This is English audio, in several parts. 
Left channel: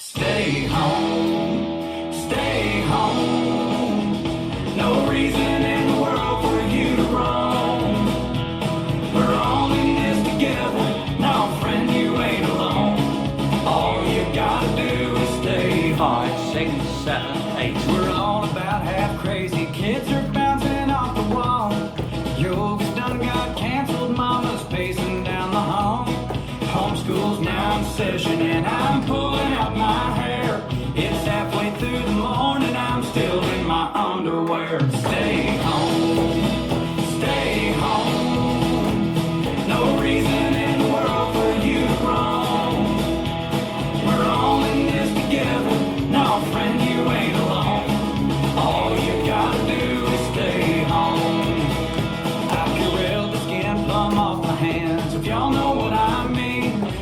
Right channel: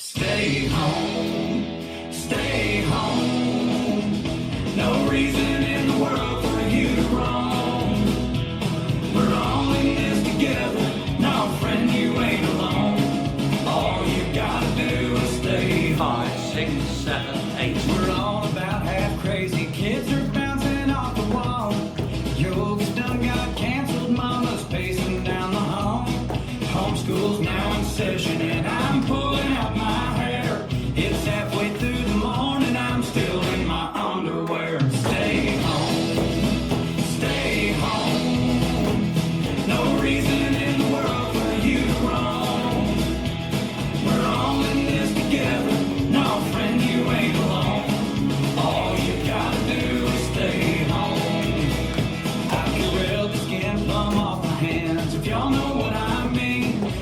Stay home, stay home. No reason in the world for you to roam. We're all in this together. No, friend, you ain't alone. All you gotta do is stay home. 5, 6, 7, 8. We're all about half crazy. Kids are bouncing off the wall. Your oldest done got canceled. Mama's pacing down the hall. Homeschool's now in session and I'm pulling out my hair. It's halfway through the morning, I'm still in my underwear. Stay home, stay home. No reason in the world for you to roam. We're all in this together. No, friend, you ain't alone. All you gotta do is stay home. I peeled the skin plumb off my hands, if y'all know what I mean.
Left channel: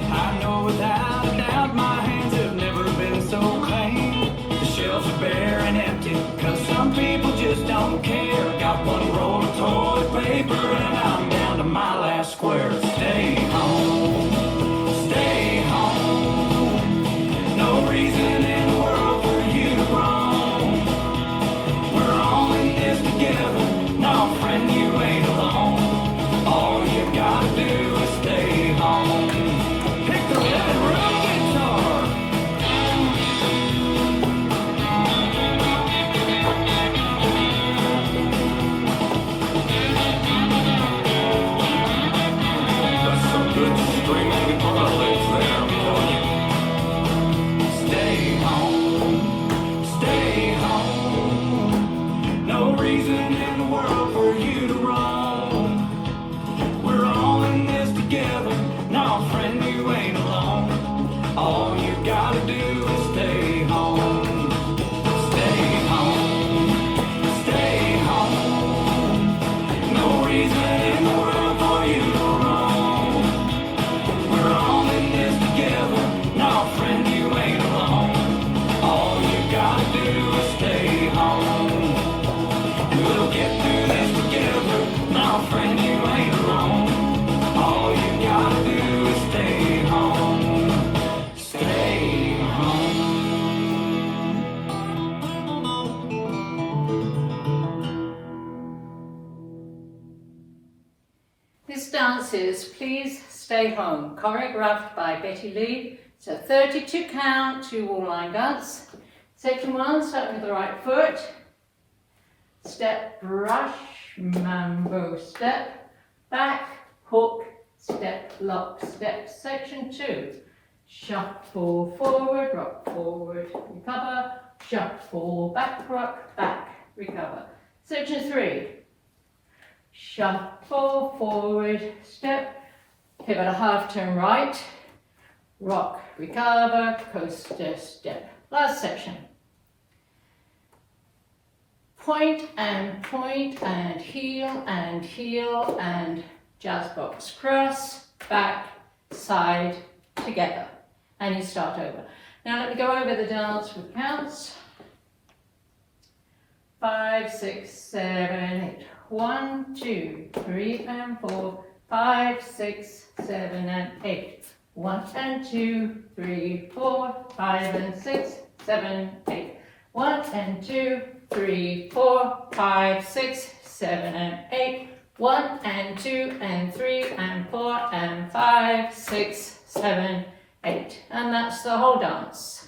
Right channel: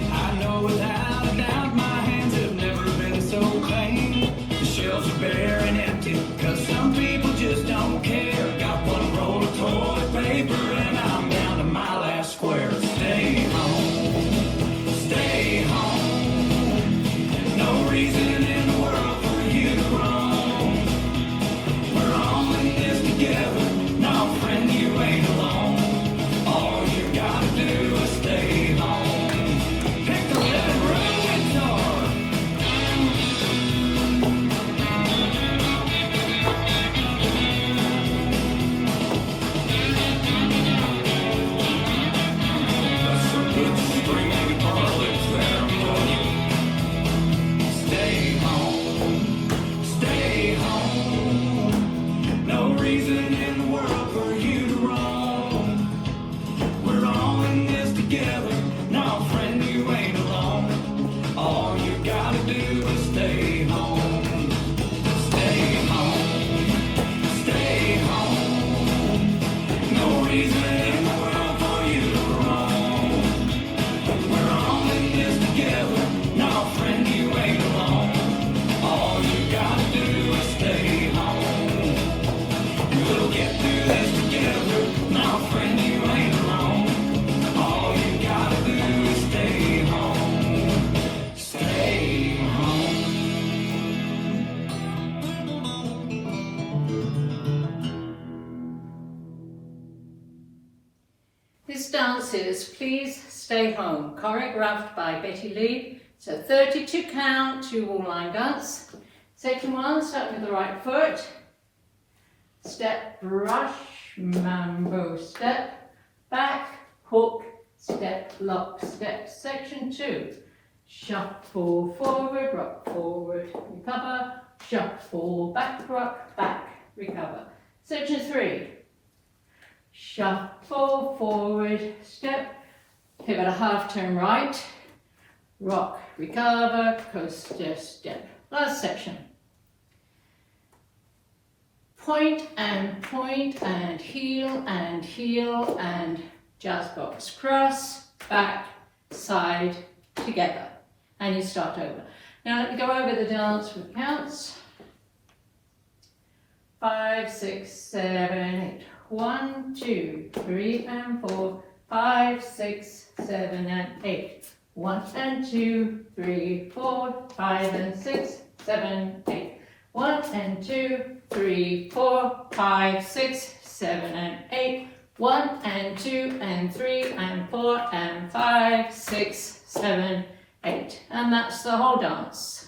I know without a doubt my hands have never been so clean. The shelves are bare and empty, cause some people just don't care. Got one roll of toilet paper and I'm down to my last square. Stay home, stay home. No reason in the world for you to roam. We're all in this together. No, friend, you ain't alone. All you gotta do is stay home. Pick the rhythm and roll guitar. That's some good string politics there, boy. Stay home, stay home. No reason in the world for you to roam. We're all in this together. No, friend, you ain't alone. All you gotta do is stay home. Stay home, stay home. No reason in the world for you to roam. We're all in this together. No, friend, you ain't alone. All you gotta do is stay home. We'll get through this together. No, friend, you ain't alone. All you gotta do is stay home. Stay home. This dance is Please Stay Home, choreographed by Betty Lee. It's a 32 count, 2 wall line dance. Section 1, starting with the right foot. Step, brush, mambo, step, back, hook, step, lock, step. Section 2, shuffle forward, rock forward, recover, shuffle back, rock, back, recover. Section 3, shuffle forward, step, pivot a half turn right, rock, recover, coaster, step. Last section. Point and heel and jazz box. Cross, back, side, together. And you start over. Now let me go over the dance with counts. 5, 6, 7, 8. 1, 2, 3 and 4, 5, 6, 7 and 8. 1 and 2, 3, 4, 5 and 6, 7, 8. 1 and 2, 3, 4, 5, 6, 7 and 8. 1 and 2 and 3 and 4 and 5, 6, 7, 8. And that's the whole dance.